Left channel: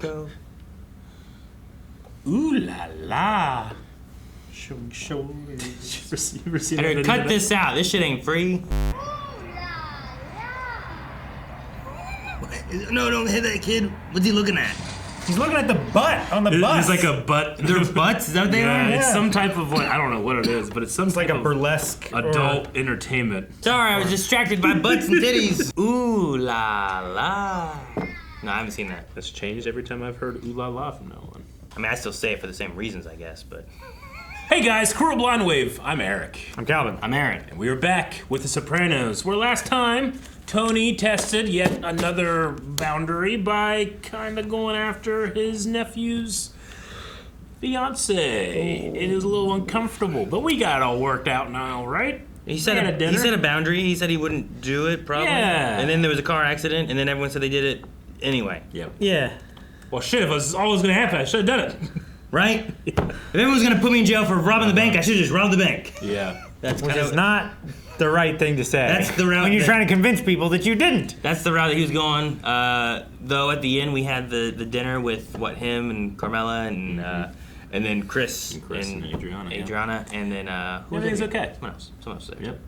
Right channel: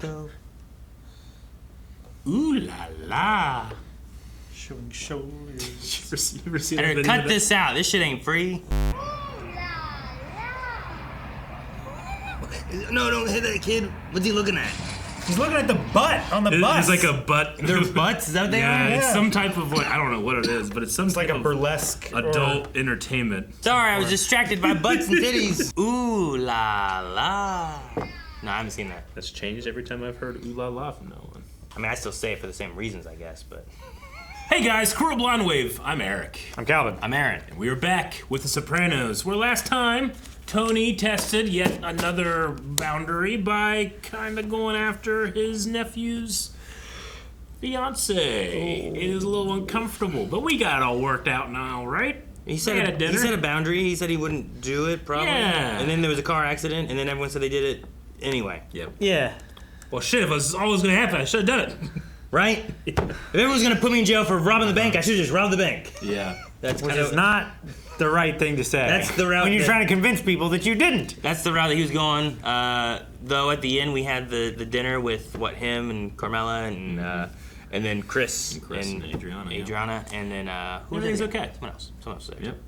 go. Ooh la la. Show. You ever seen that video? Cut this out. This shit ain't free. No, don't hit that kid. What's he looking at? He's looking at the butt on the bus. There's like a butt. Their butts? Is that what they are? It's some type of, like, I don't know what it is, but it's some type like a of burlesque adult entertainment. Sorry, I was distracted by butts and titties. Ooh la la. No, I haven't seen that. That's changed every time I've heard ooh la la from now on. I mean, I still say it for the same reasons, I guess, but... Hey guys, Cruel Blind Wave. I'm Eric. I'm Calvin. I'm Aaron. And we are back with The Sopranos, where last time Tony tested yet another boundary by kind of going after his nephew's fiance. It is a little uncomfortable, but we got it all worked out now, right? He said a boundary. He said he wouldn't do it, probably. Yeah. And then there was a car accident, and then everyone said they did it anyway. Yep. Yeah. Well, shit, if it was always going to happen, I should have done it. Right? If everyone was going to put me in jail for robbing the bank, I should have just robbed the bank. Yeah. That's Which kind is of, not the right thing to say. That's the route when you're that- trying to convince people that you didn't. that's the route that he was going. Though at the end we had the dinner with him and Carmela and then Chris and Adriana. Adriana, and then Everything's okay. Someone else. Yep.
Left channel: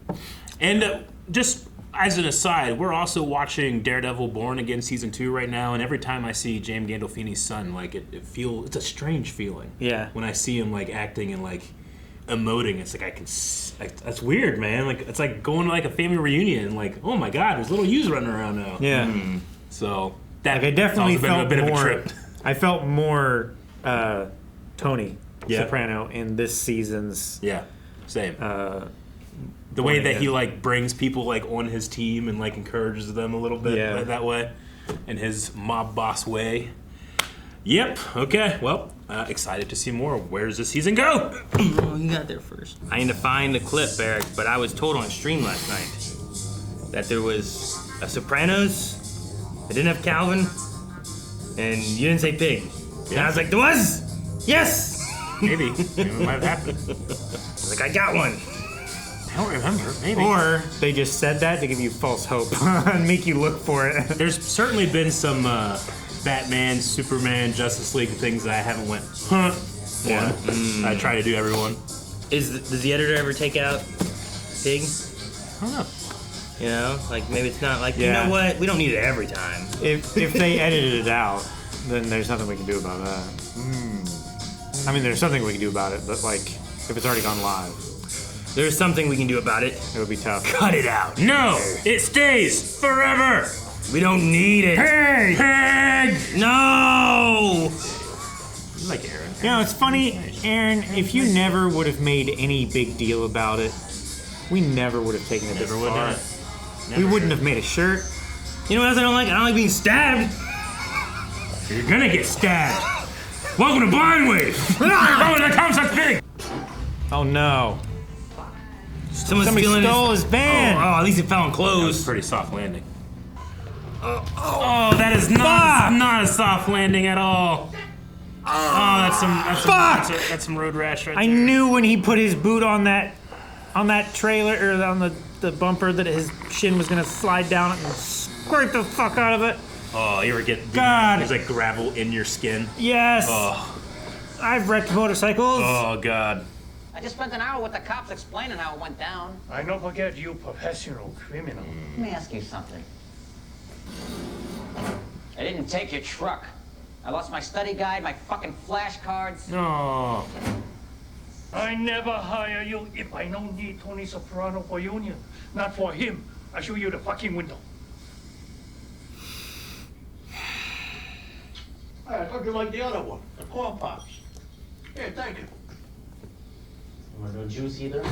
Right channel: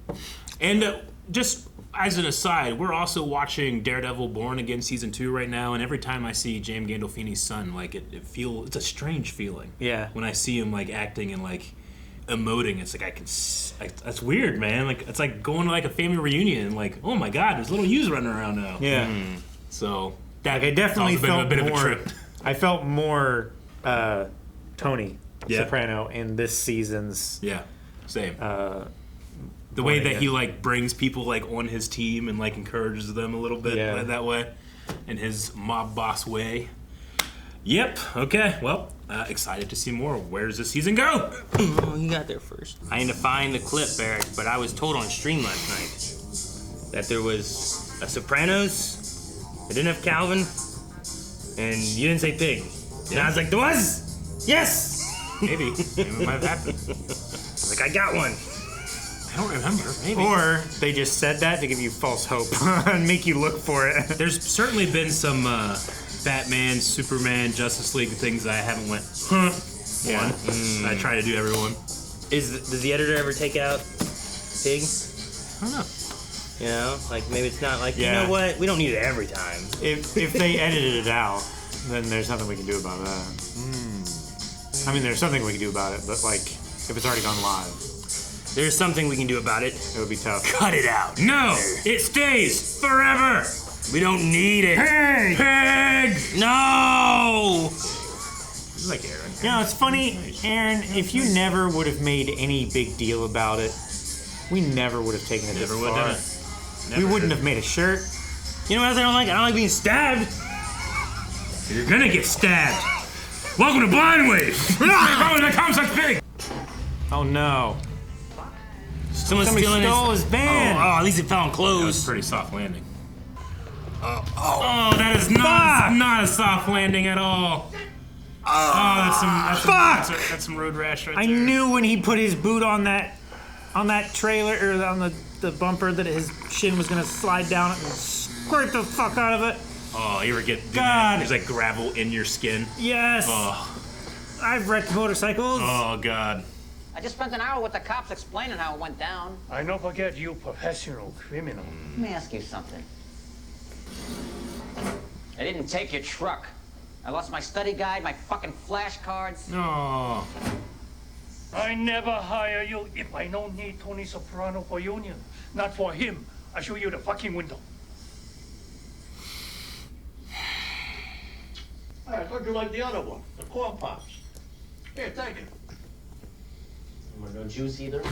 And just as an aside, we're also watching Daredevil Born Again Season 2 right now, and every time I see James Gandolfini's son, like, it's a strange feeling. Yeah. When I see him, like, acting and, like, emoting, it's like that's weird, man. Like, it's like going to, like, a family reunion, and, like, oh my god, there's little yous running around now. Yeah. So, that I definitely has been felt a bit more, of a trip. I felt more Tony Yeah. Soprano in this season's Yeah, same. The way that he, like, brings people, like, on his team and, like, encourages them a little bit that way, in his mob boss way. Yep. Okay. Well, excited to see more. Where does this season go? Oh, you got there first. I need to find the clip, Eric, but I was told on stream last night that there was a Sopranos. I didn't have Calvin, and you didn't say pig. Yeah. And I was like, there was. Yes. Maybe it might have happened. I was like, I got one. I don't remember. Maybe. Or they just said that to give you false hope and make you look for it. There's certainly been some Batman, Superman, Justice League things that I haven't went, huh? One. I try to do everyone. Does the editor ever take out pig? I don't know. You know, like maybe it's not like, Yeah. you know what? We don't need it every time. If they edited it out, then there's nothing we can do about that. I mean, there's something we can do about it, but like, if it's already gone live, There's something we can do about it. it would be tough. Cut it out. No, it stays forever. We don't need it. Pig. Pig. No! Like Aaron. No, it's funny, Aaron, if you never would have made any big deal about it, we never would have taken it this far. We wouldn't have made a shirt. You know what else I don't like? I don't like being stabbed. You're gonna get stabbed. Welcome to Blind Wave. Oh, there comes a pig. Oh no. Someone's Somebody stealing stole his band. Oh, at least it fell on That was a clothes. pretty soft landing. Oh, that is not a soft landing at all. That's some road rash right I there. knew when he put his boot on that trailer, or on the bumper, that his shin was gonna slide down and squirt the fuck out of it. Oh, you ever get God. there's like gravel in your skin? Yes. Oh, I've wrecked motorcycles. oh God. I just spent an hour with the cops explaining how it went down. I don't forget you professional criminal. Let me ask you something. I didn't take your truck. I lost my study guide, my fucking flashcards. No. I never hire you if I don't need Tony Soprano for union. Not for him. I show you the fucking window. I thought you liked the other one, the corn pops. Here, thank you. You want no juice either?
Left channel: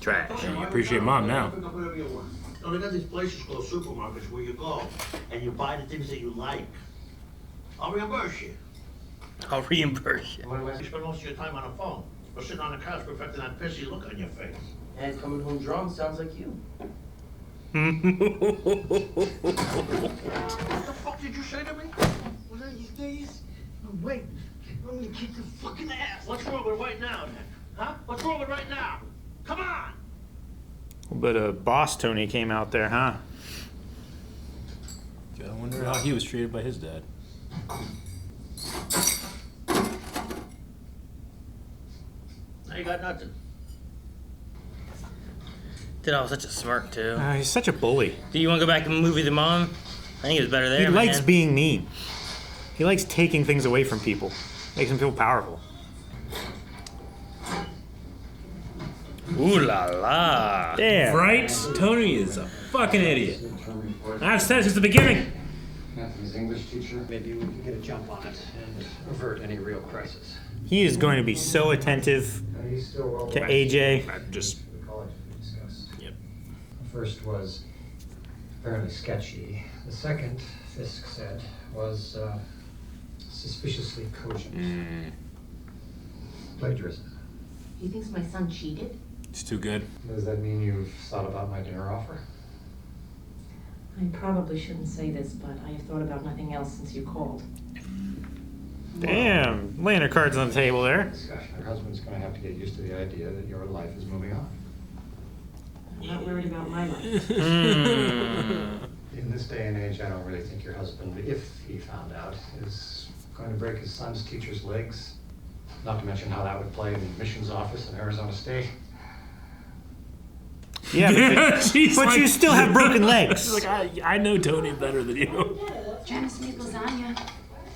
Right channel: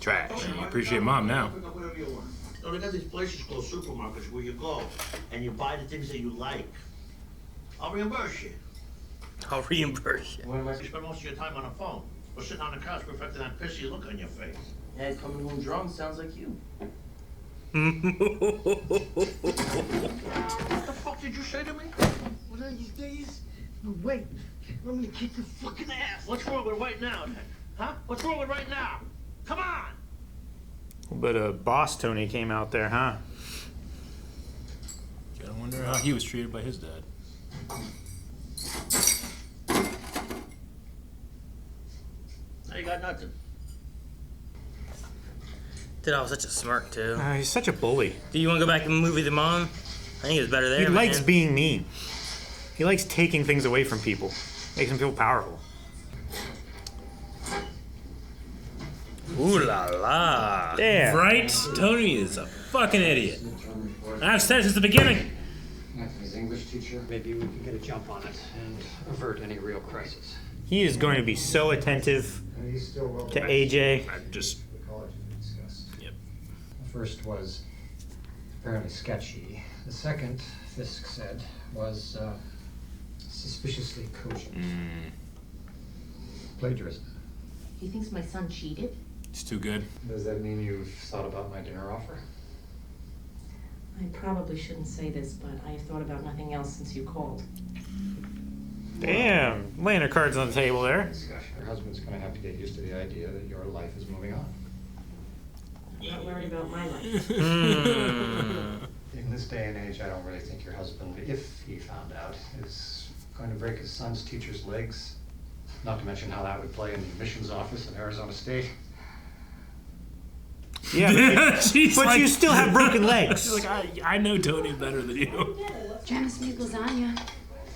Trash. You appreciate Mom now. No, they got these places called supermarkets where you go and you buy the things that you like. I'll reimburse you. I'll reimburse you. You spend most of your time on the phone or sitting on the couch perfecting that pissy look on your face. Yeah, he's coming home drunk. Sounds like you. What the fuck did you say to me? One of these days? No, wait. I'm gonna kick your fucking ass. What's wrong with right now, then? Huh? What's wrong with right now? Come on! But boss Tony came out there, huh? I wonder how he was treated by his dad. Now you got nothing. Did all such a smirk too. He's such a bully. Do you want to go back and movie the mom? I think it's better there. He likes man. being mean. He likes taking things away from people. Makes him feel powerful. Ooh la la. Yeah. Right? Tony is a fucking idiot. I've said since the beginning. Anthony's English teacher. Maybe we can get a jump on it and avert any real crisis. He is going to be so attentive He's still well to AJ. I just. the college we discussed. Yep. The first was fairly sketchy. The second, Fisk said, was suspiciously cogent. Plagiarism. He thinks my son cheated? It's too good. Does that mean you've thought about my dinner offer? I probably shouldn't say this, but I have thought about nothing else since you called. Damn. Laying her cards on the table there. Discussion. Your husband's going to have to get used to the idea that your life is moving on. I'm not worried about my life. In this day and age, I don't really think your husband, if he found out, is going to break his son's teacher's legs. Not to mention how that would play in the admissions office in Arizona State. Yeah, She's but like, you still have broken legs. She's like, I know Tony better than you. Janice made lasagna.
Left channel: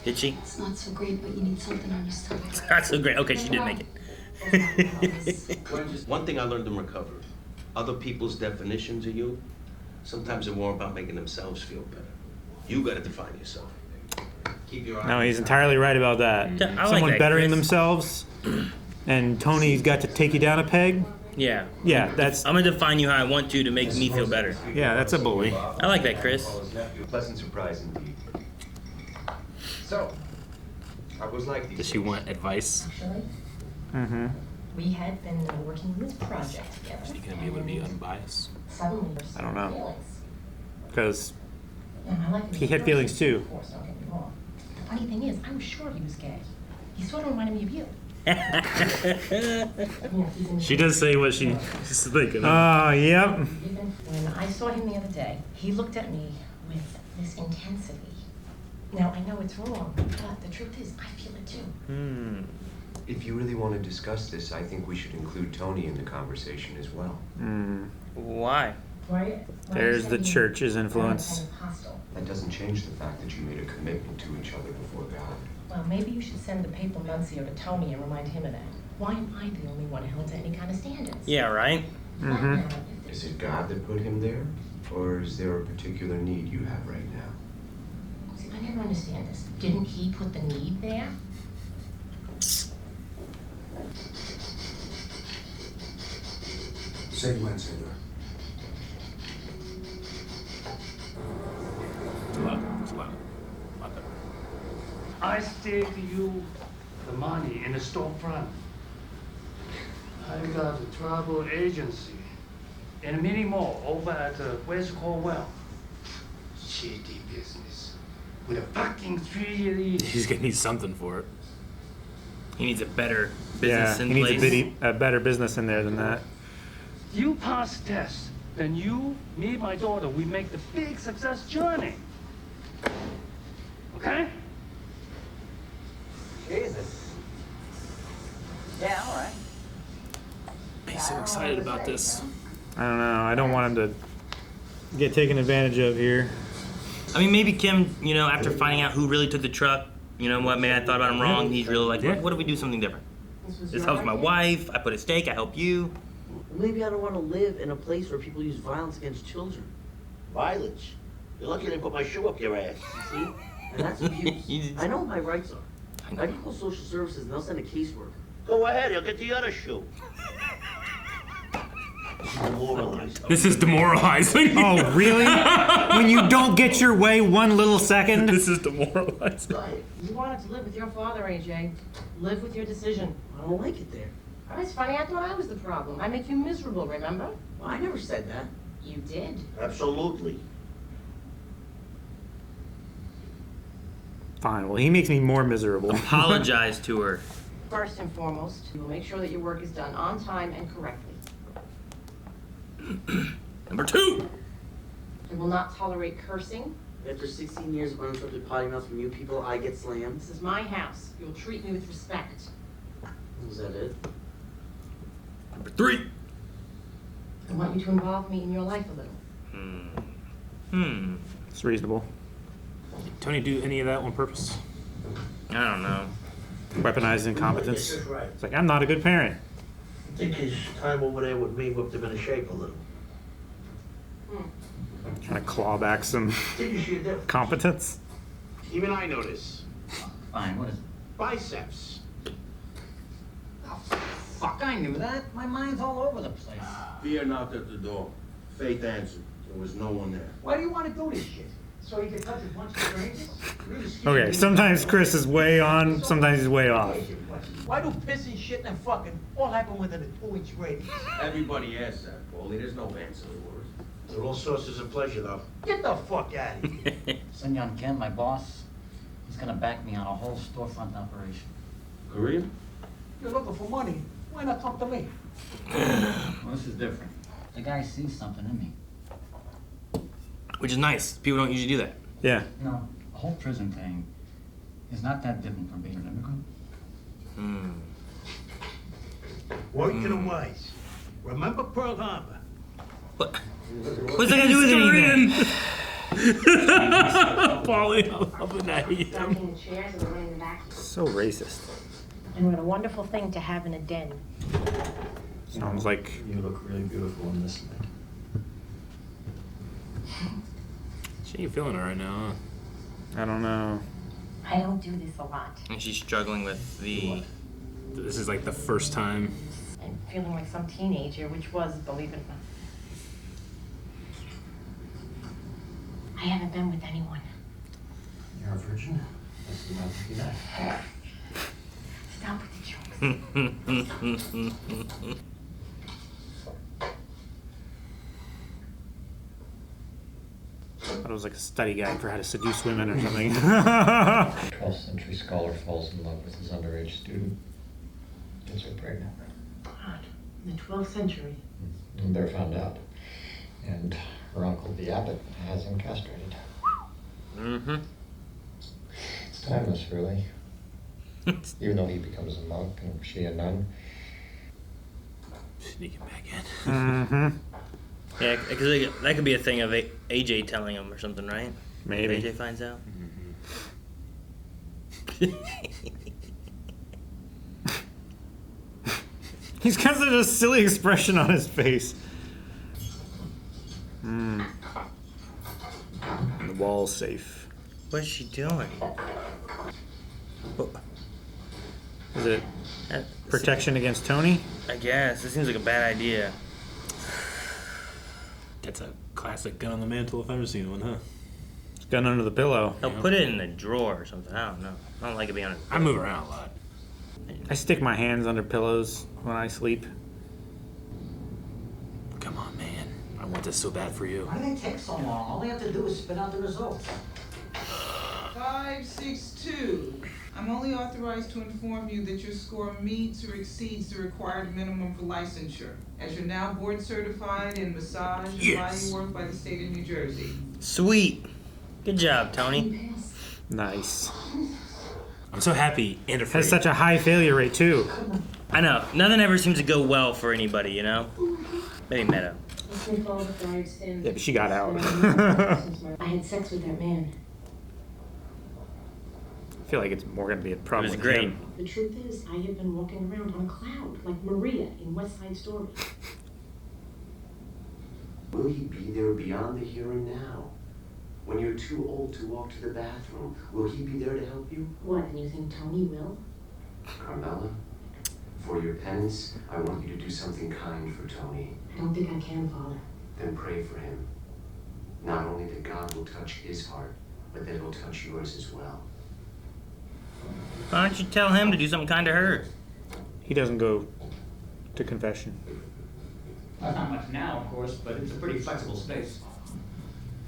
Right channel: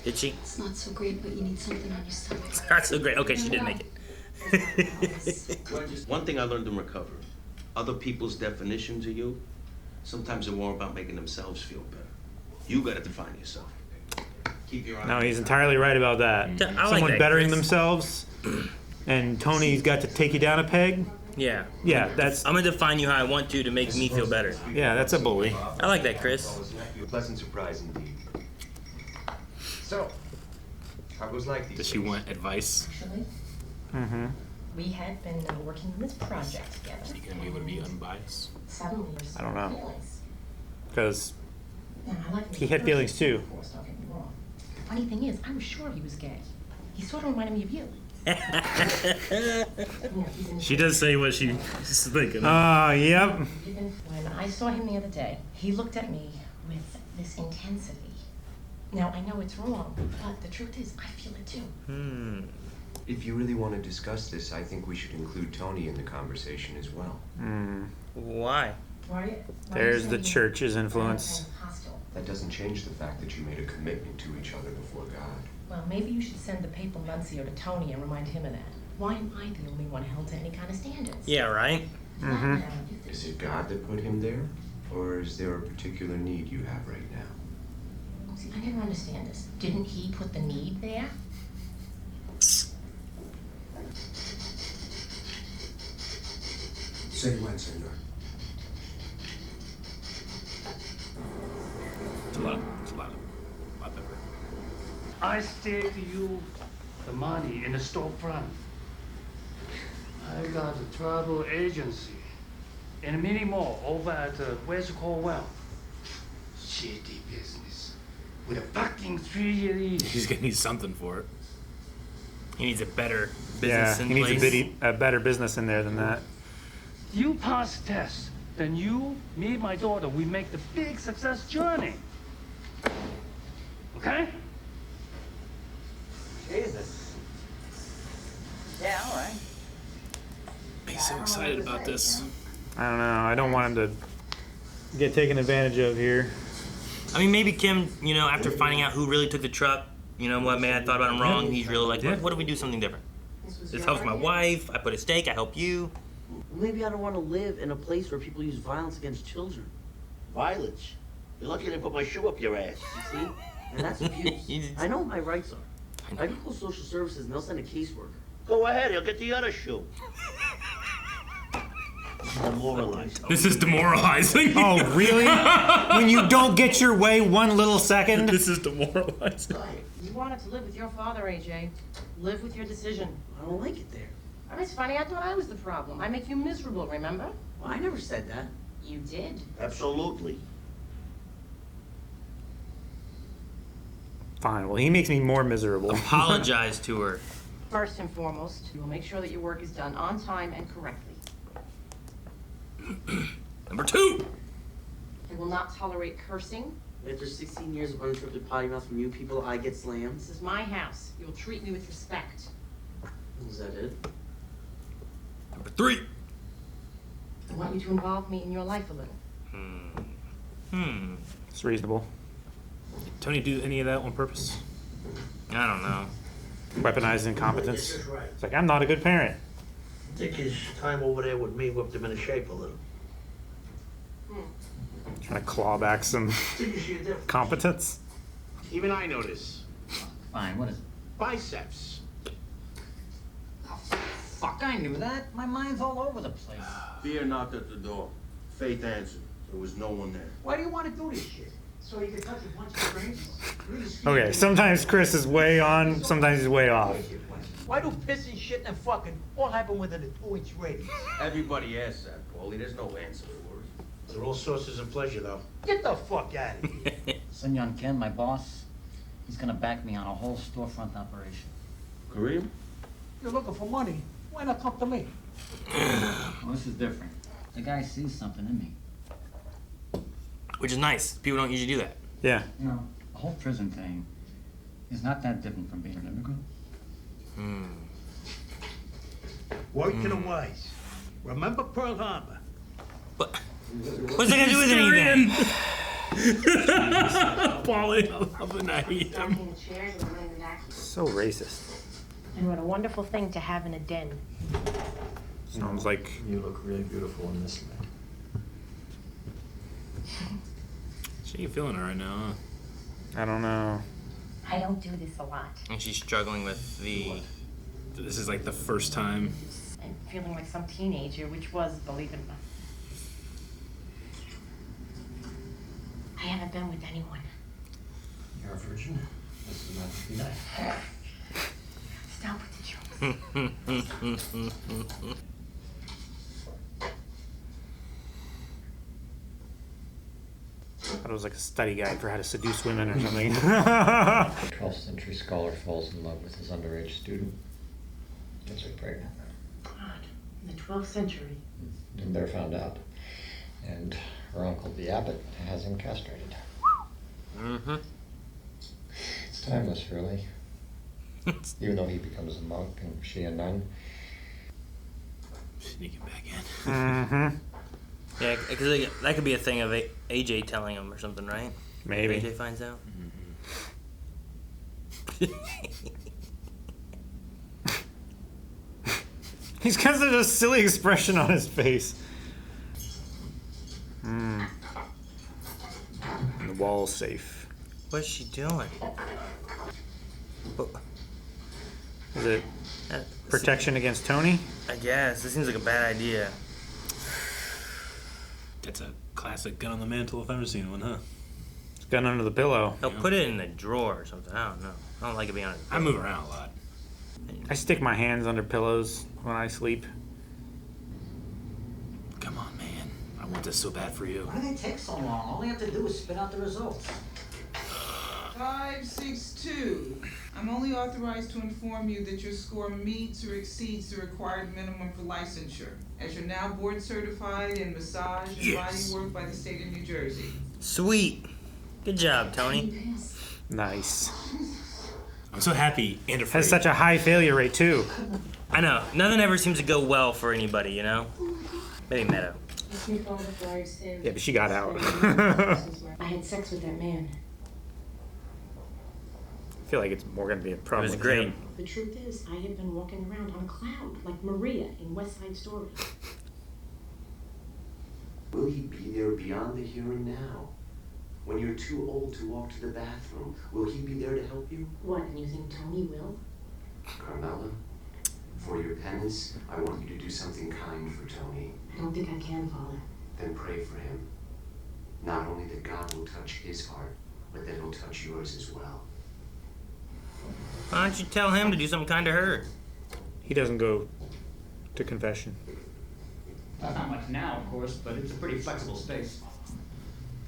Did she? It's not so great, but you need something on your stomach. That's so great. Okay, she did make it. One thing I learned in recovery, other people's definitions of you, sometimes they're more about making themselves feel better. You gotta define yourself. Keep your eye. No, he's entirely right about that. I like Someone that, bettering Chris. themselves, and Tony's got to take you down a peg. Yeah. Yeah, that's I'm gonna define you how I want to make me feel better. yeah, that's a bully. I like that, Chris. Pleasant surprise indeed. So, how goes like these Does she want advice? Actually, Mm-hmm. we had been working on this project together. Are you gonna be able to be unbiased? Suddenly there's I don't know. feelings. Because And I like he had feelings too. Of course, don't get me wrong. The funny thing is, I was sure he was gay. He sort of reminded me of you. She does say what she's thinking. Yep. When I saw him the other day, he looked at me with this intensity. Now, I know it's wrong, but the truth is, I feel it too. If you really want to discuss this, I think we should include Tony in the conversation as well. Why? There's the church's influence. That doesn't change the fact that you made a commitment to each other before God. Well, maybe you should send the papal nuncio to Tony and remind him of that. Why am I the only one held to any kind of standards? Yeah, right? Mm-hmm. Is it God that put him there? Or is there a particular need you have right now? See, I never understand this. Didn't he put the need there? Say when, senor. It's a lot. It's a lot. I stake you the money in the storefront. I got a travel agency and a mini mall over at West Cornwall. Shitty business with a fucking 3-year lease. She's gonna need something for it. He needs a better Yeah, business in he needs place. a better business in there than that. You pass test, then you, me, my daughter, we make the big success journey. Okay? Jesus. Yeah, all right. He's so excited about this. I don't know. I don't want him to get taken advantage of here. I mean, maybe Kim, after finding out who really took the truck, you know what, man, I thought about him wrong. He's really like, what if we do something different? This helps my wife. I put a stake. I help you. Maybe I don't want to live in a place where people use violence against children. Violence? You're lucky I didn't put my shoe up your ass, you see? And that's abuse. I know what my rights are. I can call social services and they'll send a caseworker. Go ahead, he'll get the other shoe. Demoralizing. This is demoralizing. Oh, really? When you don't get your way one little second? This is demoralizing. You wanted to live with your father, AJ. Live with your decision. I don't like it there. Oh, it's funny, I thought I was the problem. I make you miserable, remember? Well, I never said that. You did. Absolutely. Fine. Well, he makes me more miserable. Apologize to her. First and foremost, you will make sure that your work is done on time and correctly. Number 2. I will not tolerate cursing After 16 years of uninterrupted potty mouth from you people, I get slammed? This is my house. You'll treat me with respect. Is that it? Number 3. I want you to involve me in your life a little. It's reasonable. Did Tony do any of that on purpose? I don't know. Weaponizing incompetence. Yes, that's right. It's like, I'm not a good parent. I think his time over there with me whipped him into shape a little. Trying to claw back some Did you see a difference? competence. Even I notice. Fine, what is it? Biceps. Oh, fuck, I knew that. My mind's all over the place. Fear knocked at the door. Faith answered. There was no one there. Why do you want to do this shit? So you can touch a bunch of strangers? Okay, sometimes Chris is way on, sometimes he's way off. Why do pissing, shitting, and fucking all happen within a 2-inch radius? Everybody asks that, Paulie. There's no answer for it. They're all sources of pleasure, though. Get the fuck out of here. Sun Yun Kim, my boss, he's gonna back me on a whole storefront operation. Korean? You're looking for money. Why not come to me? Well, this is different. The guy sees something in me. Which is nice. People don't usually do that. Yeah. You know, the whole prison thing is not that different from being an immigrant. Word to the wise. Remember Pearl Harbor. What's that got to do with anything? Paulie, I love it. I hate him. So racist. And what a wonderful thing to have in a den. Sounds like You look really beautiful in this light. She ain't feeling it right now, huh? I don't know. I don't do this a lot. And she's struggling with the... This is like the first time. I'm feeling like some teenager, which was, believe it or not. I haven't been with anyone. You're a virgin? This is my lucky night. Stop with the jokes. It was like a study guide for how to seduce women or something. 12th century scholar falls in love with his underage student. Gets her pregnant. God, in the 12th century. And they're found out. And her uncle, the abbot, has him castrated. It's timeless, really. Even though he becomes a monk and she a nun. Sneaking back in. Yeah, because that could be a thing of AJ telling him or something, right? Maybe. AJ finds out. He's got such a silly expression on his face. The wall's safe. What is she doing? Is it protection against Tony? I guess. It seems like a bad idea. That's a classic gun on the mantle if I've ever seen one, huh? Gun under the pillow. I'll put it in the drawer or something. I don't know. I don't like it being on it. I move around a lot. I stick my hands under pillows when I sleep. Come on, man. I want this so bad for you. Why do they take so long? All they have to do is spit out the results. 562. I'm only authorized to inform you that your score meets or exceeds the required minimum for licensure, as you're now board certified in massage and body work by the state of New Jersey. Sweet. Good job, Tony. Nice. I'm so happy and afraid. Has such a high failure rate too. I know. Nothing ever seems to go well for anybody, you know? Maybe Meadow. Yeah, but she got out. I had sex with that man. I feel like it's more going to be a problem with him. The truth is, I have been walking around on a cloud, like Maria in West Side Story. Will he be there beyond the here and now? When you're too old to walk to the bathroom, will he be there to help you? What, and you think Tony will? Carmela, for your penance, I want you to do something kind for Tony. I don't think I can, Father. Then pray for him. Not only that God will touch his heart, but that he'll touch yours as well. Why don't you tell him to do something kind to her? He doesn't go to confession. Well, not much now, of course, but it's a pretty flexible space.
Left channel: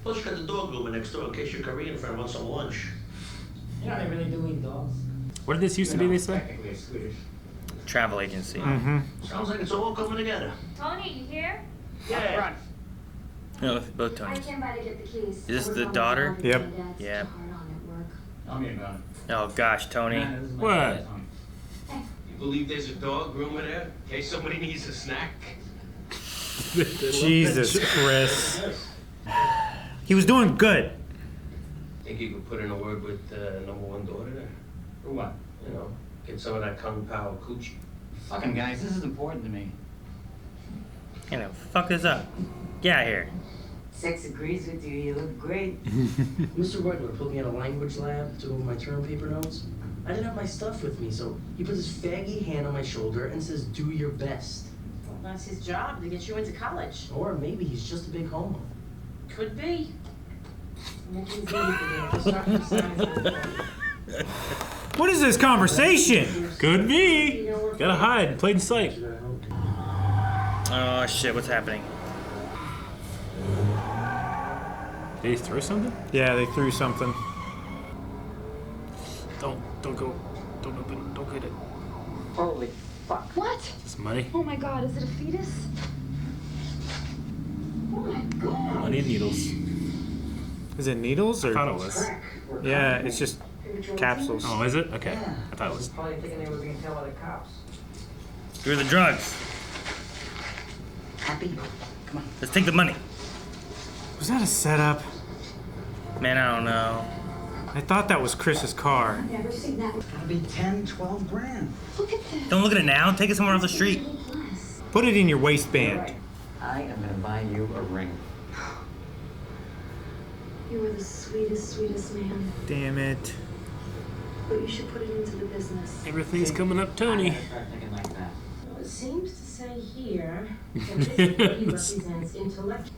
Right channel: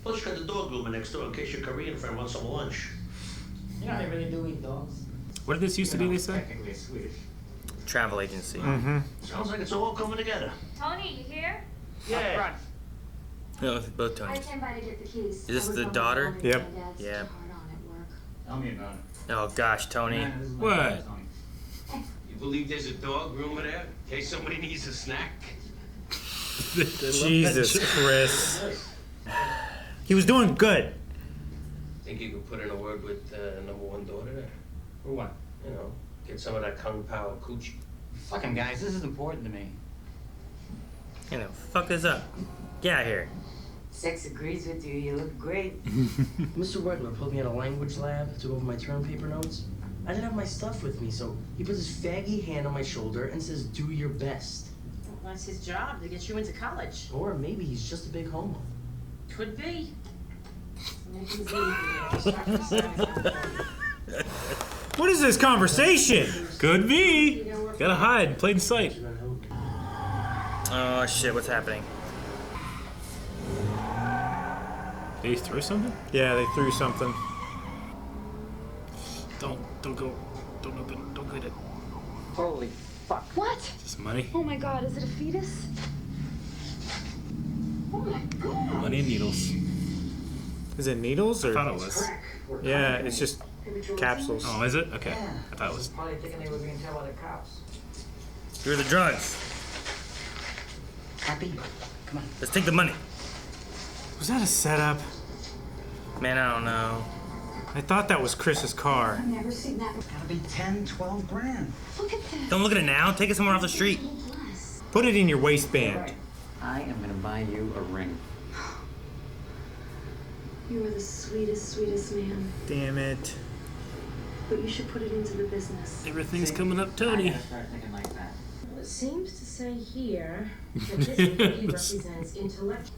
Plus, you got the dog groomer next door in case your Korean friend wants some lunch. You know, they really do eat dogs. What did this used to be, they said? Technically, it's Swedish. Travel agency. Sounds like it's all coming together. Tony, you here? Yeah. No, both I Tonys. came by to get the keys. Is this the daughter? Yep. Yeah. Tell me about it. Oh gosh, Tony. What? You believe there's a dog groomer there? In case somebody needs a snack? Jesus, Chris. He was doing good. Think you could put in a word with number one daughter there? For what? You know, get some of that Kung Pao coochie. Fuck him, guys. This is important to me. You know, fuck this up. Get out of here. Sex agrees with you. You look great. Mr. Wegler put me at a language lab, took over my term paper notes. I didn't have my stuff with me, so he puts his faggy hand on my shoulder and says, "Do your best." Well, that's his job, to get you into college. Or maybe he's just a big homo. Could be. What is this conversation? Could be. Gotta hide, plain sight. Oh shit, what's happening? Did he throw something? Yeah, they threw something. Don't go. Don't open. Don't get it. Holy fuck. What? Is this money? Oh my god, is it a fetus? Oh my god. Money and needles. Is it needles or? I thought it was. Yeah, it's just capsules. Oh, is it? Okay. I thought it was. Probably thinking they were being tailed by the cops. You're the drugs. Happy? Come on. Let's take the money. Was that a setup? Man, I don't know. I thought that was Chris's car. I've never seen that. Gotta be 10, 12 grand. Look at this. Don't look at it now. Take it somewhere off the street. Put it in your waistband. I am gonna buy you a ring. You were the sweetest, sweetest man. Damn it. But you should put it into the business. Everything's coming up, Tony. Start thinking like that. Well, it seems to say here that this lady represents intellect.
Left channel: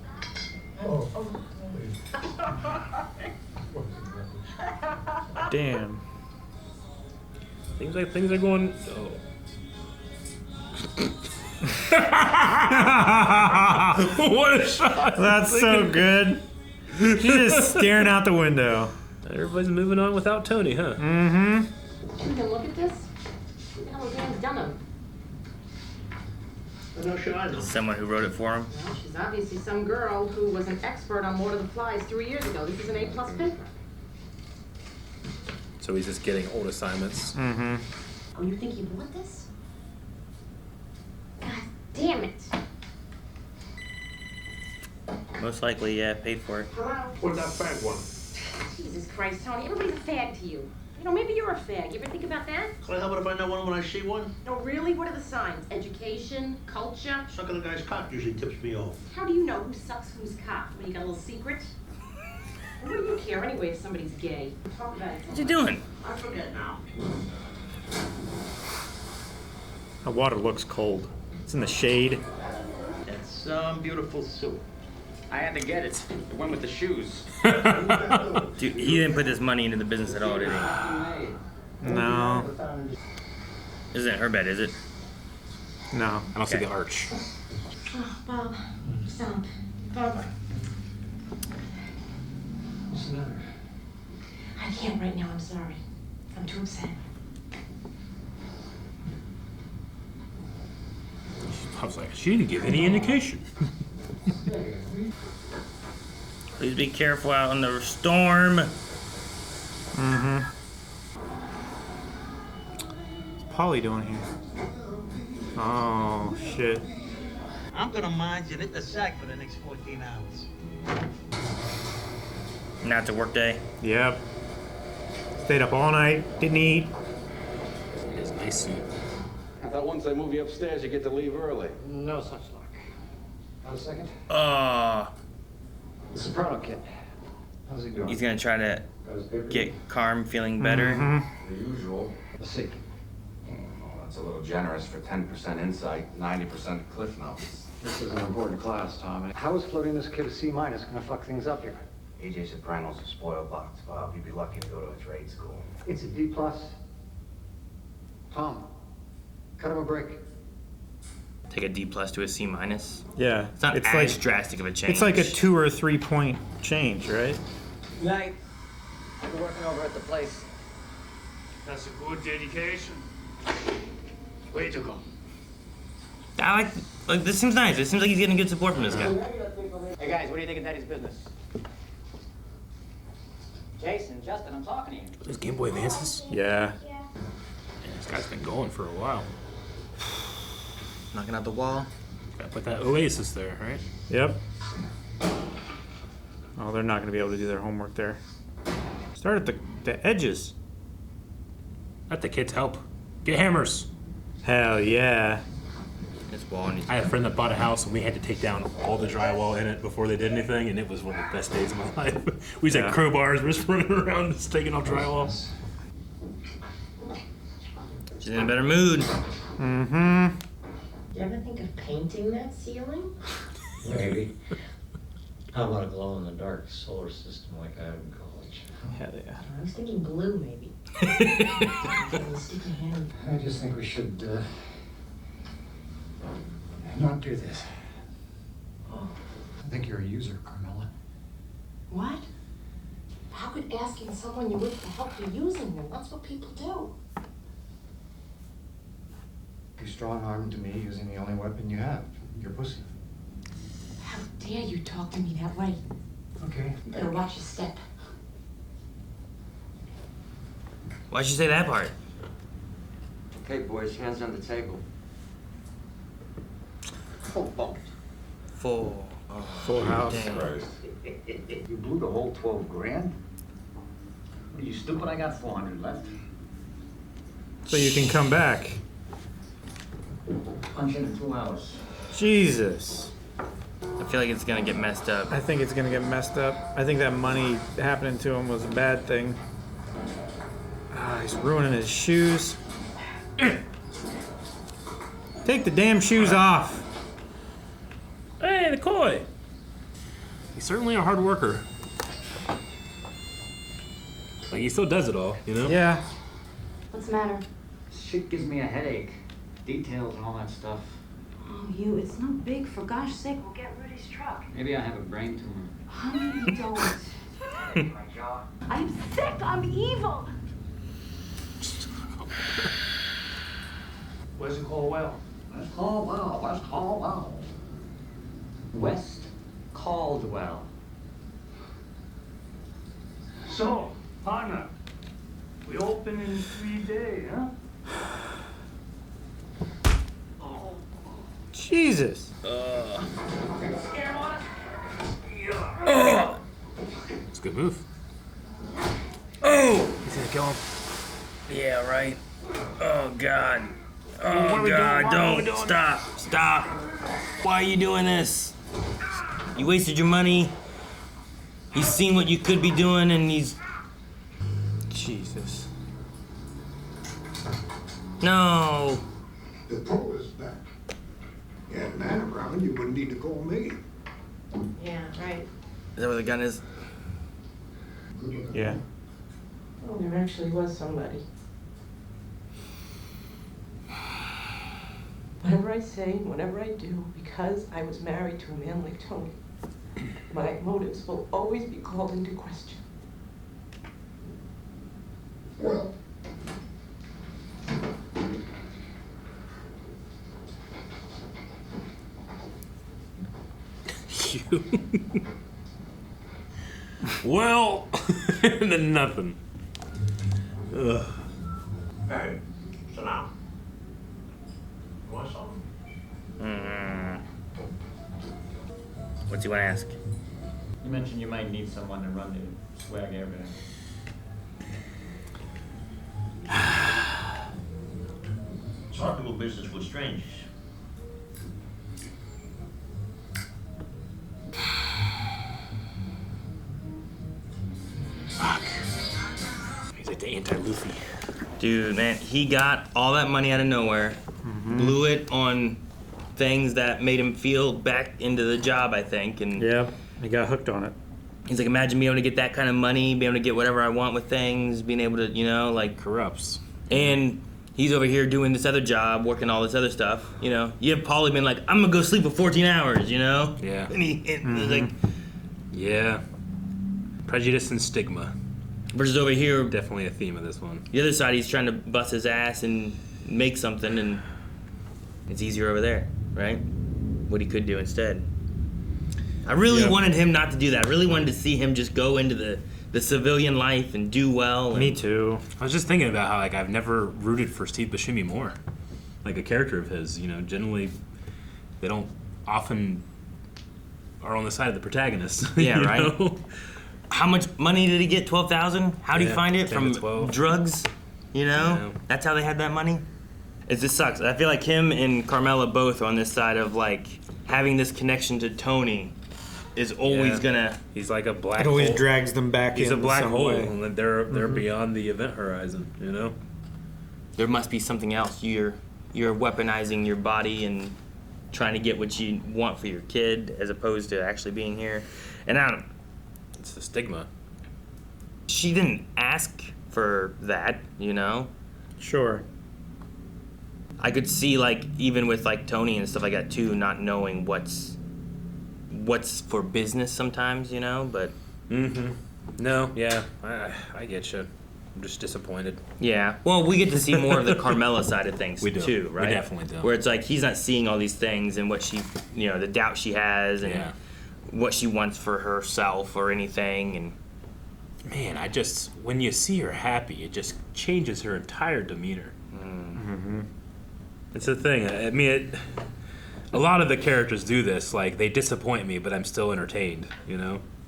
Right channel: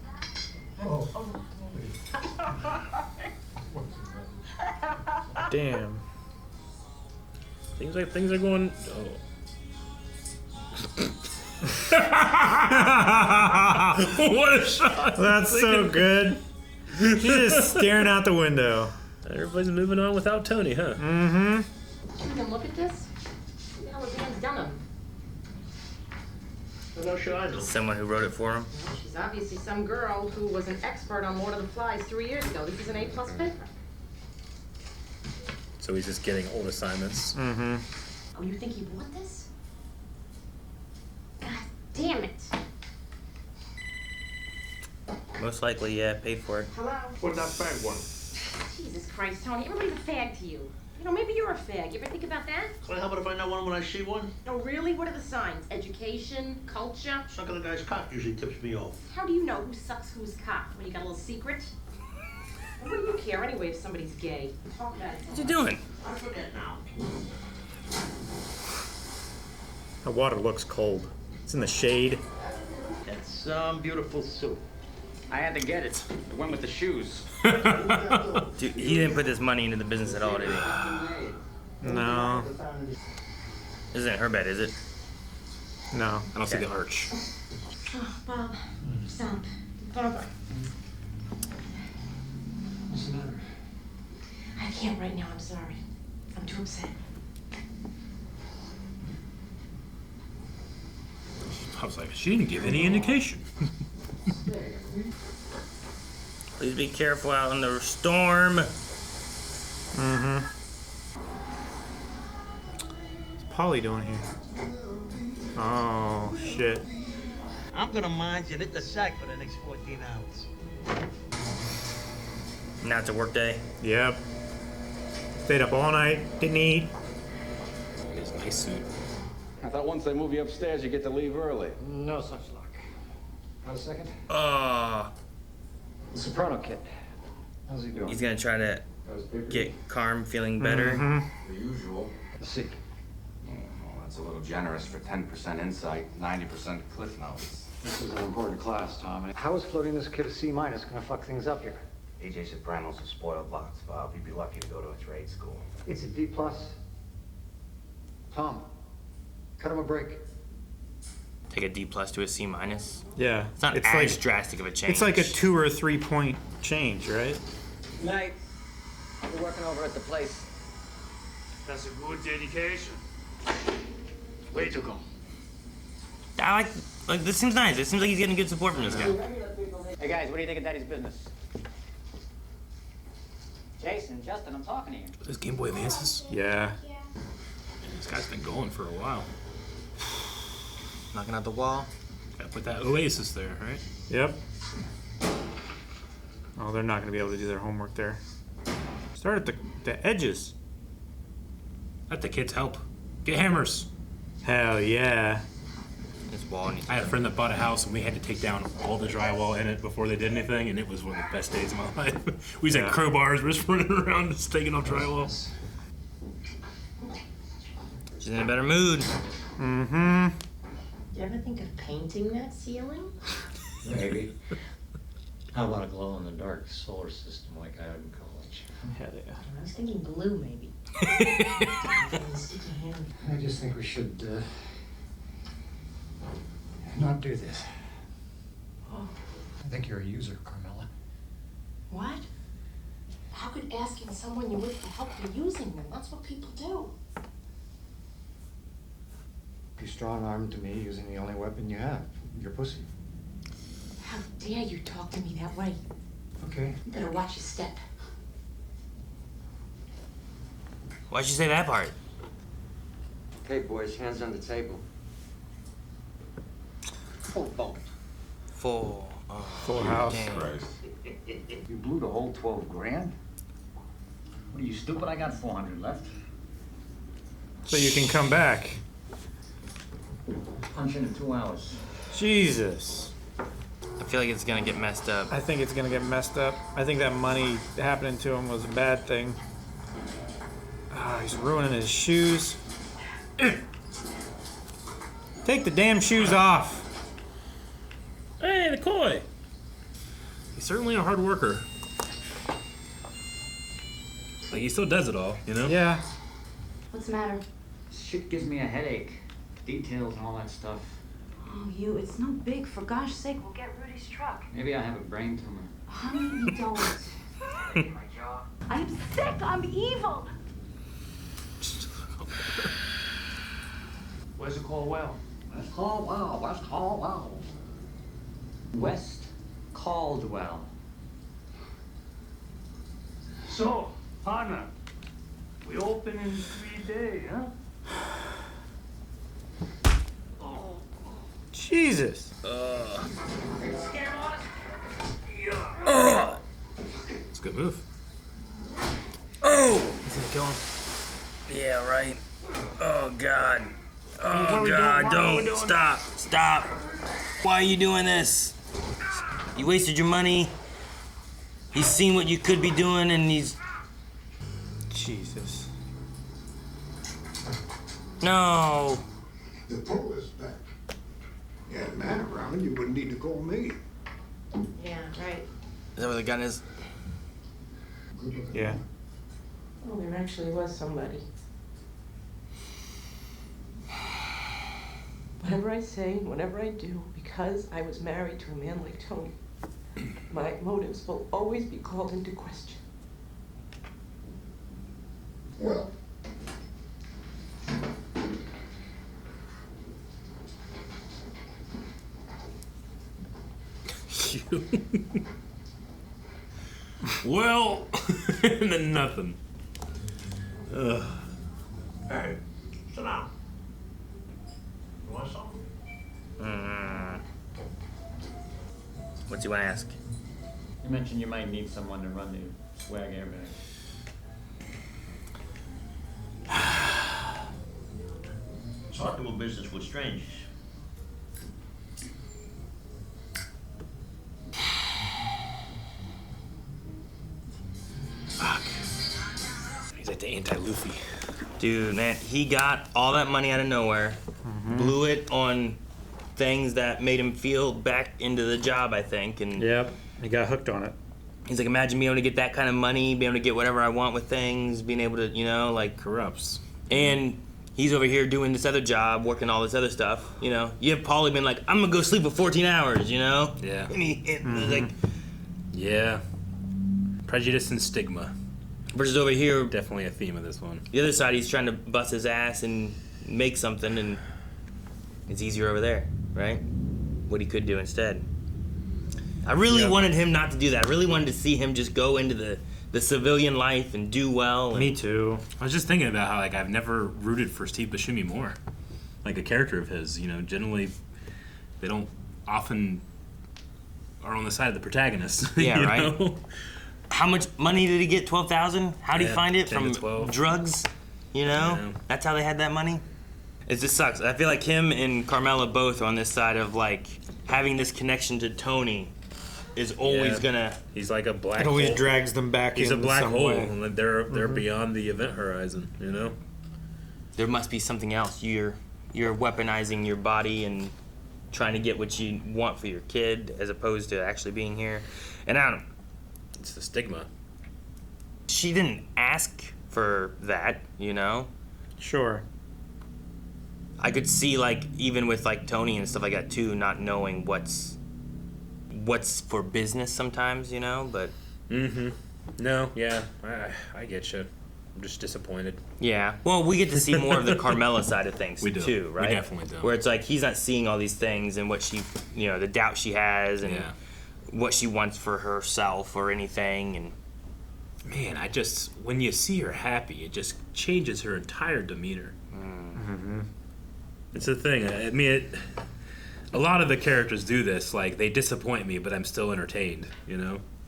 Damn. Things are going. What a shot! That's so good. He's just staring out the window. Everybody's moving on without Tony, huh? Mm-hmm. You can look at this. Look at how the man's done them. No shit, I know. Someone who wrote it for him. Well, she's obviously some girl who was an expert on Lord of the Flies 3 years ago. This is an A+ paper. So he's just getting old assignments. Mm-hmm. Oh, you think he bought this? God damn it. Most likely, yeah, paid for it. What's that fag one? Jesus Christ, Tony. Everybody's a fag to you. You know, maybe you're a fag. You ever think about that? Can I help it if I know one when I see one? No, really? What are the signs? Education? Culture? Sucking the guy's cock usually tips me off. How do you know who sucks whose cock? When you got a little secret? And what do you care anyway if somebody's gay? Talk about it. What you doing? I forget now. The water looks cold. It's in the shade. That's some beautiful soup. I had to get it. It went with the shoes. Dude, he didn't put this money into the business at all, did he? No. This isn't her bed, is it? No. I don't see the arch. Oh, Bob, stop. Bob. What's the matter? I can't right now, I'm sorry. I'm too upset. I was like, she didn't give any indication. Please be careful out in the storm. Mm-hmm. What's Paulie doing here? Oh, shit. I'm gonna mind you and hit the sack for the next 14 hours. Now it's a work day. Yep. Stayed up all night, didn't eat. His nice suit. I thought once they move you upstairs, you get to leave early. No such luck. Got a second? The Soprano kid. How's he doing? He's gonna try to get Carm feeling better. Mm-hmm. The usual. Let's see. Oh, that's a little generous for 10% insight, 90% cliff notes. This is an important class, Tom. How is floating this kid a C- gonna fuck things up here? AJ Soprano's a spoiled box, Bob. You'd be lucky to go to a trade school. It's a D+. Tom, cut him a break. Take a D+ to a C-. Yeah. It's not as like, drastic of a change. It's like a 2 or 3 point change, right? Night. You're working over at the place. That's a good dedication. Way to go. I like this seems nice. It seems like he's getting good support from this guy. Hey guys, what do you think of Daddy's business? Jason, Justin, I'm talking to you. This Game Boy Advances? Yeah. Man, this guy's been going for a while. Knocking out the wall. Gotta put that Oasis there, right? Yep. Oh, they're not going to be able to do their homework there. Start at the edges. Let the kids help. Get hammers. Hell yeah. I had a friend that bought a house and we had to take down all the drywall in it before they did anything, and it was one of the best days of my life. We just had crowbars, we're just running around just taking off drywall. She's in a better mood. Mm-hmm. You ever think of painting that ceiling? Maybe. How about a glow-in-the-dark solar system like I had in college? Hell yeah. I was thinking blue, maybe. I just think we should not do this. Oh. I think you're a user, Carmela. What? How could asking someone you're with to help you using them? That's what people do. You strong-armed to me using the only weapon you have, your pussy. How dare you talk to me that way? Okay. You better watch your step. Why'd you say that part? Okay, boys, hands on the table. Full bump. Full. Full house. Christ. You blew the whole 12 grand? What are you, stupid? I got 400 left. So you can come back. Punch in 2 hours. Jesus. I feel like it's gonna get messed up. I think it's gonna get messed up. I think that money happening to him was a bad thing. He's ruining his shoes. Take the damn shoes off. Hey, the koi! He's certainly a hard worker. Like, he still does it all, you know? Yeah. What's the matter? Shit gives me a headache. Details and all that stuff. Oh, it's no big. For gosh sake, we'll get Rudy's truck. Maybe I have a brain tumor. Honey, you don't. I'm sick. I'm evil. Where's the Caldwell? West Caldwell, West Caldwell. West Caldwell. So, partner, we open in 3 days, huh? Jesus. It's a good move. Oh! Is it going? Yeah, right. Oh, God. Oh, What are we God, doing? What are we don't. doing? Stop. Stop. Why are you doing this? You wasted your money. He's seen what you could be doing, and he's... Jesus. No. The pull is back. You had a man around, you wouldn't need to call me. Yeah, right. Is that where the gun is? Yeah. Well, there actually was somebody. Whatever I say, whatever I do, because I was married to a man like Tony, my motives will always be called into question. Well, Well, and then nothing. Ugh. hey, sit down. You want something? What's he want to ask? You mentioned you might need someone to run the swag airbag. It's hard doing business with strangers. He's like the anti-Luffy. Dude, man, he got all that money out of nowhere, blew it on things that made him feel back into the job, I think. And Yep. He got hooked on it. he's like, imagine being able to get that kind of money, being able to get whatever I want with things, being able to, you know, like... Corrupts. And he's over here doing this other job, working all this other stuff, you know? You'd have probably been like, I'm gonna go sleep for 14 hours, you know? Yeah. And he was like... Yeah. Prejudice and stigma. Versus over here... Definitely a theme of this one. The other side, he's trying to bust his ass and make something, and it's easier over there, right? What he could do instead. I really wanted him not to do that. I really wanted to see him just go into the civilian life and do well. Me too. I was just thinking about how like I've never rooted for Steve Buscemi more. Like a character of his, generally they don't often are on the side of the protagonist. Yeah, right. Know? How much money did he get? 12,000. How did he find it? 10 From to 12. drugs. That's how they had that money. It just sucks. I feel like him and Carmela both are on this side of like having this connection to Tony is always gonna. He's like a black. It always hole. drags them back. He's a in black some hole, way. and they're beyond the event horizon. There must be something else. You're weaponizing your body and trying to get what you want for your kid, as opposed to actually being here. And I don't. It's the stigma. She didn't ask for that, Sure. I could see like even with like Tony and stuff like that too, not knowing what's for business sometimes, but. No, yeah, I get you. I'm just disappointed. Yeah. Well, we get to see more of the Carmela side of things we do. too, right? We definitely do. Where it's like he's not seeing all these things and what she, the doubt she has and what she wants for herself or anything. And man, when you see her happy, it just changes her entire demeanor. It's the thing. I mean, a lot of the characters do this. Like they disappoint me, but I'm still entertained.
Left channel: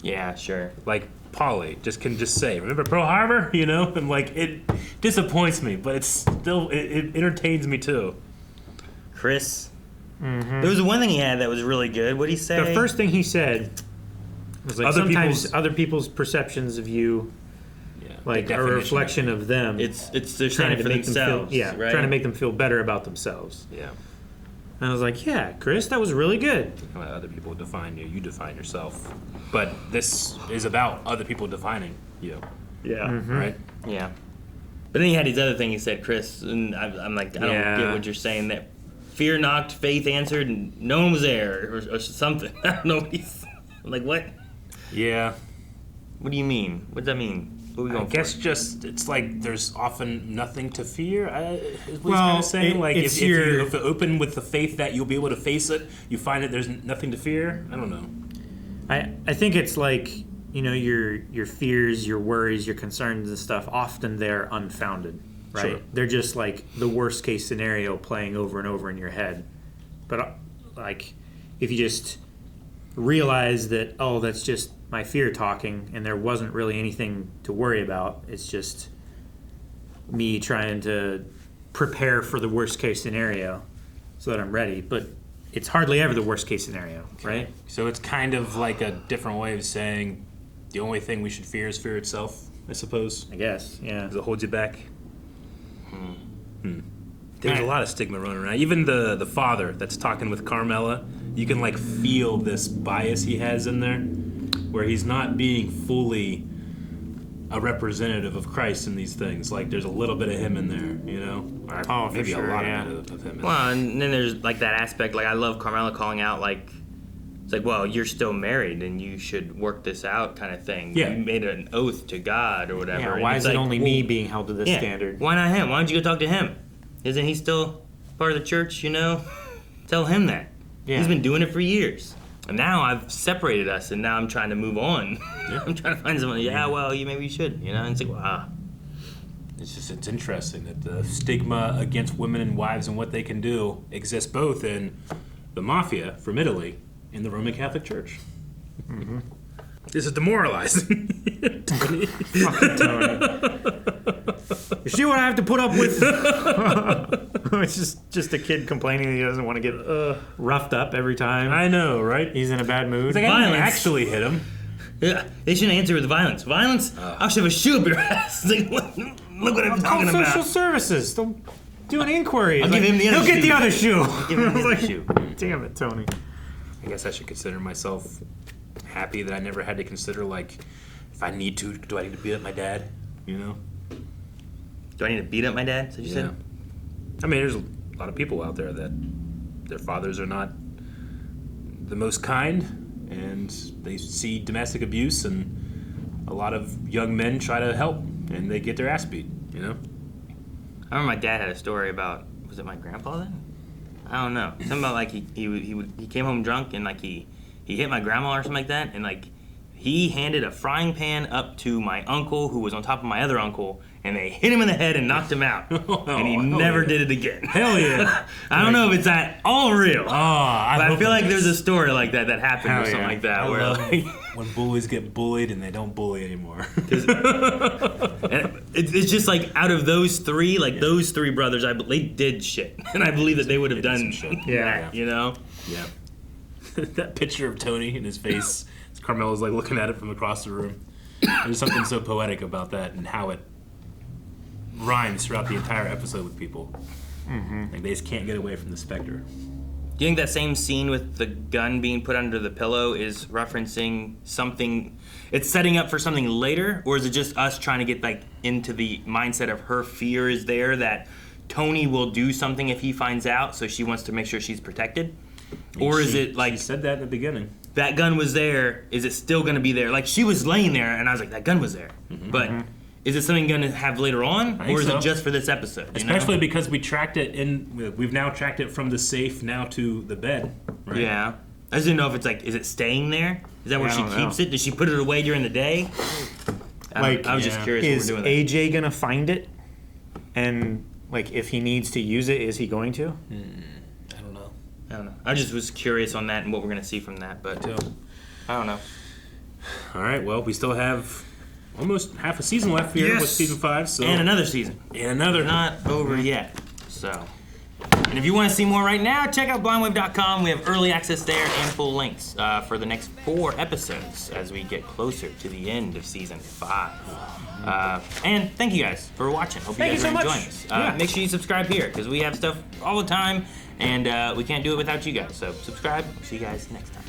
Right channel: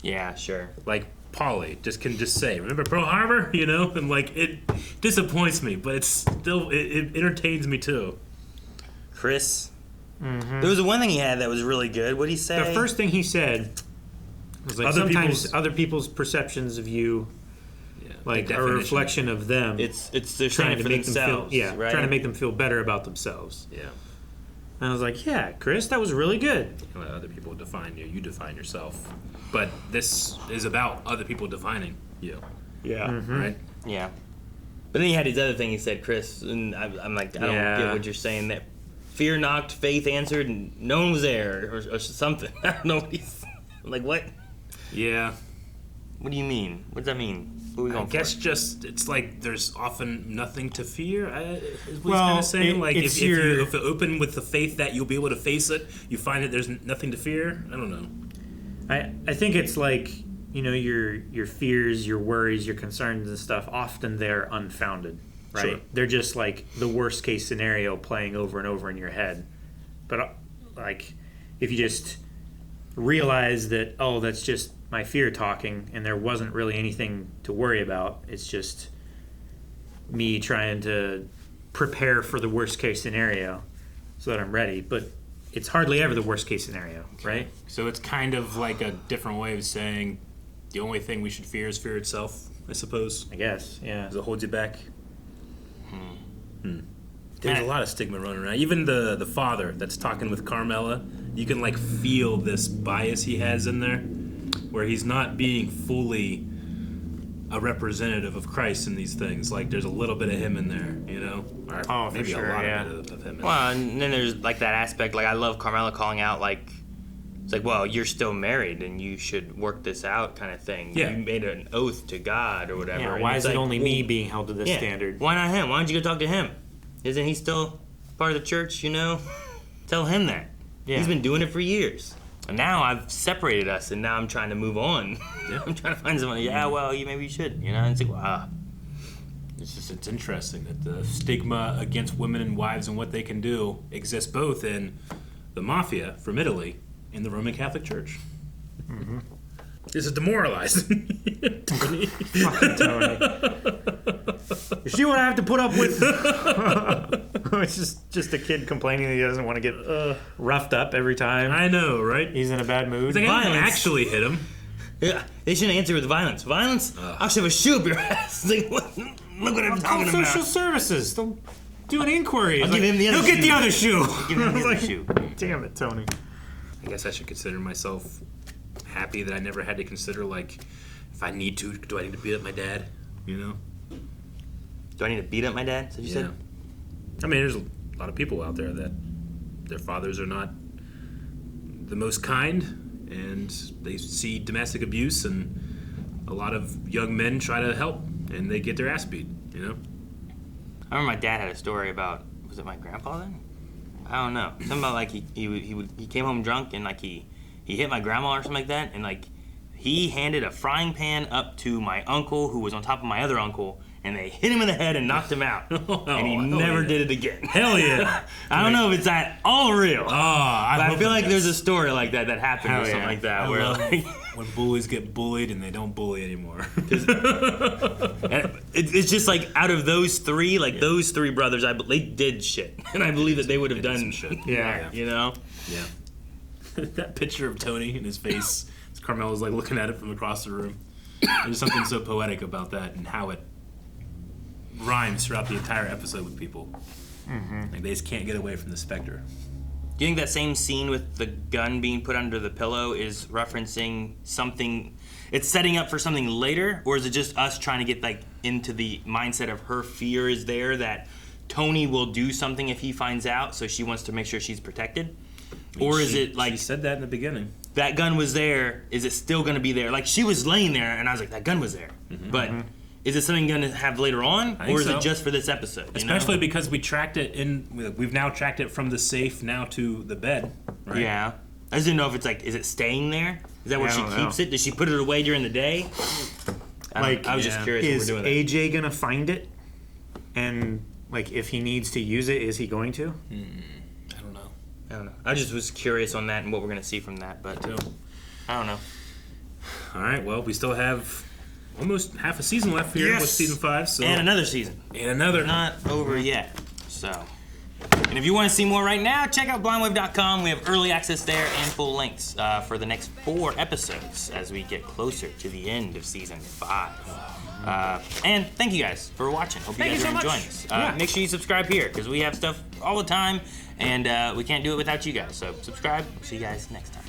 Yeah, sure. Like Paulie can just say, "Remember Pearl Harbor?" And like it disappoints me, but it's still it entertains me too. Chris. There was one thing he had that was really good. What did he say? The first thing he said was like sometimes other people's perceptions of you, like a reflection of them. It's they're trying to make themselves. Right? Trying to make them feel better about themselves. Yeah. And I was like, yeah, Chris, that was really good. When other people define you, you define yourself. But this is about other people defining you. Yeah. Right? Yeah. But then he had his other thing he said, Chris, and I'm like, I don't get what you're saying. That fear knocked, faith answered, and no one was there, or something. I don't know what he's like. What? Yeah. What do you mean? What does that mean? What are we going I guess just it's like there's often nothing to fear. Is what he's Well, kind of saying. Like it's if you open with the faith that you'll be able to face it, you find that there's nothing to fear. I don't know. I think it's like your fears, your worries, your concerns and stuff. Often they're unfounded, right? Sure. They're just like the worst case scenario playing over and over in your head. But like if you just realize that that's just my fear talking, and there wasn't really anything to worry about. It's just me trying to prepare for the worst case scenario so that I'm ready. But it's hardly ever the worst case scenario, right? So it's kind of like a different way of saying the only thing we should fear is fear itself, I suppose. I guess, yeah. Because it holds you back. There's a lot of stigma running around. Even the father that's talking with Carmela, you can like feel this bias he has in there, where he's not being fully a representative of Christ in these things. Like there's a little bit of him in there, or maybe for sure, a lot of him. Well, and then there's like that aspect. Like I love Carmela calling out like. It's like, well, you're still married and you should work this out kind of thing. Yeah. You made an oath to God or whatever. Yeah, And why it's is it like, only me being held to this standard? Why not him? Why don't you go talk to him? Isn't he still part of the church, Tell him that. Yeah. He's been doing it for years. And now I've separated us and now I'm trying to move on. Yeah. I'm trying to find someone, maybe you should, And it's like, wow. It's interesting that the stigma against women and wives and what they can do exists both in the mafia from Italy in the Roman Catholic Church. Mm-hmm. This is demoralizing. Tony. Fucking Tony. You see what I have to put up with? It's just a kid complaining he doesn't want to get roughed up every time. I know, right? He's in a bad mood. He's like, I didn't actually hit him. Yeah, they shouldn't answer with violence. Violence? I'll shove a shoe up your ass. Like, look what I'm talking about. Social services. They'll do an inquiry. I'll give him the other He'll get the other shoe. Give him the other shoe. Damn it, Tony. I guess I should consider myself happy that I never had to consider, like, if I need to, do I need to beat up my dad? Do I need to beat up my dad? Is that what you said? I mean, there's a lot of people out there that their fathers are not the most kind, and they see domestic abuse, and a lot of young men try to help, and they get their ass beat, I remember my dad had a story about, was it my grandpa then? I don't know. Something about like he came home drunk and like he he hit my grandma or something like that, and like he handed a frying pan up to my uncle who was on top of my other uncle, and they hit him in the head and knocked him out. And he never did it again. Hell yeah. I don't know if it's at all real. I feel like it is. there's a story like that happened or something like that. I Where love like, when bullies get bullied and they don't bully anymore. it's just like out of those three, like those three brothers, they did shit. And I believe that they would have done some shit. Yeah. You know? Yeah. That picture of Tony in his face, Carmela's like looking at it from across the room. There's something so poetic about that and how it rhymes throughout the entire episode with people. Like they just can't get away from the specter. Do you think that same scene with the gun being put under the pillow is referencing something? It's setting up for something later, or is it just us trying to get like into the mindset of her fear is there that Tony will do something if he finds out, so she wants to make sure she's protected? Or is it like she said that in the beginning? That gun was there. Is it still going to be there? Like she was laying there, and I was like, that gun was there. But is it something going to have later on, or is it just for this episode? Especially because we tracked it we've now tracked it from the safe now to the bed, right? Yeah. I just didn't know if it's like, is it staying there? Is that where she keeps it? Does she put it away during the day? I was just curious is what we're doing. AJ gonna find it? And like, if he needs to use it, is he going to? I don't know. I just was curious on that and what we're gonna see from that, but I don't know. All right. Well, we still have almost half a season left here with season 5. So and another season. Not over yet. So. And if you want to see more right now, check out blindwave.com. We have early access there and full links for the next 4 episodes as we get closer to the end of season 5. And thank you guys for watching. Hope you guys are enjoying this. Make sure you subscribe here because we have stuff all the time and we can't do it without you guys. So subscribe. See you guys next time.